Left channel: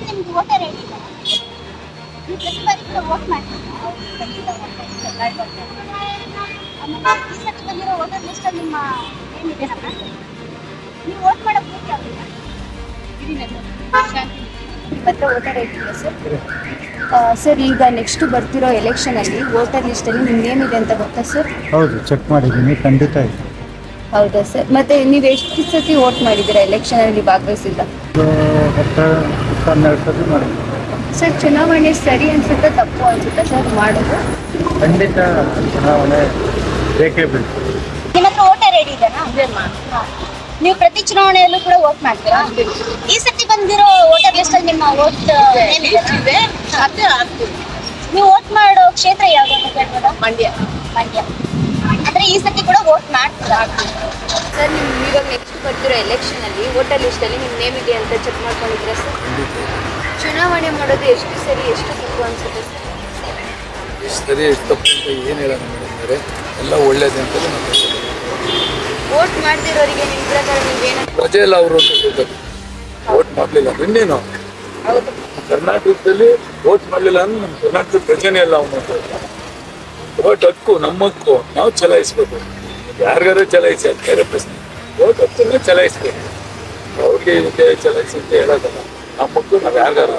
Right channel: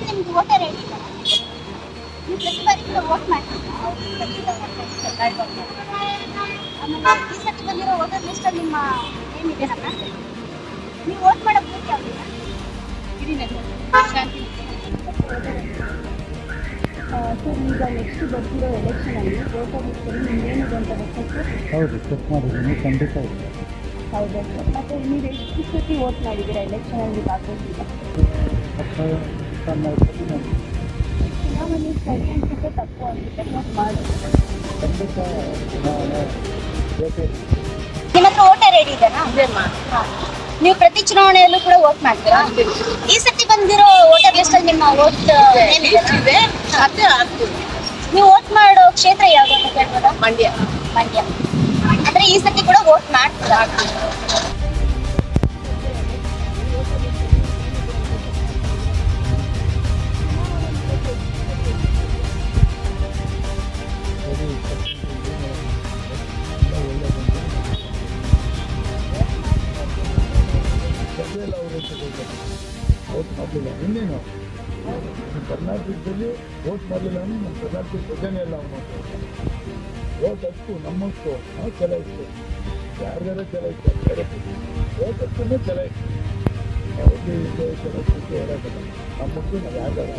Madam ನಿಮ್ಗೆ voter ID ಇದೆಯಾ? ನೀವು ಪ್ರತಿ ಬಾರಿ ಕೂಡ ವೋಟ್ ಮಾಡ್ತೀರಾ? ಆಮೇಲೆ ಈ ಸತಿ ಬಂದಿರೋ ವೋಟರ್ ಲಿಸ್ಟಲ್ಲಿ ನಿಮ್ಮ ನೇಮ್ ಇದೆ ನಮ್ಮ ನೀವು ವೋಟ್ ಮಾಡೋ ಬೂತ್ ಯಾವುದು? ಶಾಂತಿ ಹತ್ರ ವೋಟರ್ ಐಡಿ ಇದೆ ಸರ್. ಸರ್ ಈಗ ನೆಕ್ಸ್ಟ್ ಬರ್ತಿರೋ ಎಲೆಕ್ಷನಲ್ಲಿ ವೋಟರ್ ಲಿಸ್ಟಲ್ಲಿ ನಿಮ್ಮ ನೇಮ್ ಇದೆ ಅಂತ ಗೊತ್ತಾ ಸರ್? ಹೌದು, ಚೆಕ್ ಮಾಡಿದ್ದೀನಿ, ಖಂಡಿತ ಇದೆ. ಹೌದಾ ಸರ್. ಮತ್ತು ನೀವು ಎಷ್ಟು ಸತಿ ವೋಟ್ ಮಾಡಿದ್ದೀರಾ ಎಲೆಕ್ಷನಲ್ಲಿ ಭಾಗವಹಿಸಿಲ್ಲ? ಹತ್ತು 12 ಸತಿ ಮಾಡಿದ್ದೀನಿ. ಸರ್ ಚುನಾವಣೆ ಸರಿ ಅನಿಸುತ್ತಾ ತಪ್ಪು ಅನಿಸುತ್ತಾ ಸರ್ ಮಾಡೋದು? ಖಂಡಿತ ಚುನಾವಣೆ ಬೇಕೇ ಬೇಕು. ನಿಮ್ಮ ಹತ್ರ ವೋಟರ್ ಐಡಿ ಇದೆಯಾ? ನೀವು ಪ್ರತಿ ಚುನಾವಣೆಯಲ್ಲೂ ಕೂಡ ವೋಟ್ ಮಾಡ್ತೀರಾ? ಈ ಸತಿ ಬಂದಿರೋ ವೋಟರ್ ಲಿಸ್ಟಲ್ಲಿ ನಿಮ್ಮ ವೋಟ್ ನೇಮ್ ಇದೆ? ನೀವು ವೋಟ್ ಮಾಡೋ ಕ್ಷೇತ್ರ ಯಾವುದು ಅಂತ ಕೇಳ್ಬೋದಾ? ಮಂಡ್ಯ. ಮಂಡ್ಯ. ಅಂದ್ರೆ ಈ ಸತಿ ಕೂಡ ವೋಟ್ ಮಾಡ್ತೀರಾ? ಸರ್ ನಿಮ್ಮ ಇವಾಗ ನೆಕ್ಸ್ಟ್ ಬರ್ತಿರೋ ಎಲೆಕ್ಷನಲ್ಲಿ ವೋಟರ್ ಲಿಸ್ಟಲ್ಲಿ ನಿಮ್ಮ ನೇಮ್ ಇದೆ ಅಂತ ಚೆಕ್ ಮಾಡ್ಕೊಂಡಿದ್ದೀರಾ ಸರ್? ಚುನಾವಣೆ ಮಾಡೋದು ಎಷ್ಟು ಸರಿ ಎಷ್ಟು ತಪ್ಪು ಅನಿಸುತ್ತೆ ಸರ್? ಸರಿ ತಪ್ಪು ಅಂತ ಏನು ಹೇಳೋಣ ಮಾಡಿದ್ದಾರೆ, ಎಲ್ಲ ಒಳ್ಳೇದು ಅಂತ ವೋಟ್ ಮಾಡ್ದಿರೋರಿಗೆ ನಿಮ್ಮ ಪ್ರಕಾರ ನೀವೇನು? ಪ್ರಜೆ ಎಲ್ಲ ಅವರು ಅಂತ ಹೇಳ್ತಾರೆ. ವೋಟ್ ಮಾಡಲಿಲ್ಲ ಇನ್ನೇನು ಹೌದು. ಕರ್ನಾಟಕದಲ್ಲಿ ವೋಟ್ ಮಾಡಲಿಲ್ಲ ಅಂದ್ರೆ ನಮ್ಮ ಕರ್ನಾಟಕದ ಪ್ರಜೆನೇ ಎಲ್ಲ ಅವನು. ವೋಟ್ ಹಕ್ಕು ನಮ್ಮ ಹಕ್ಕು, ನಾವು ಚಲಾಯಿಸ್ಬೇಕು. ಯಾರಿಗಾರು ಚಲಾಯಿಸಿ, ಅದು ಬೇರೆ ಪ್ರಶ್ನೆ. ವೋಟ್ ಹಕ್ಕನ್ನೇ ಚಲಾಯಿಸ್ಬೇಕು. ಅವ್ರಿಗೆ ಇವ್ರಿಗೆ ಚಲಾಯಿಸಿ ಅಂತ ಹೇಳೋದಲ್ಲ, ನಮ್ಮ ಹಕ್ಕು ನಾವು ಯಾರಿಗಾರು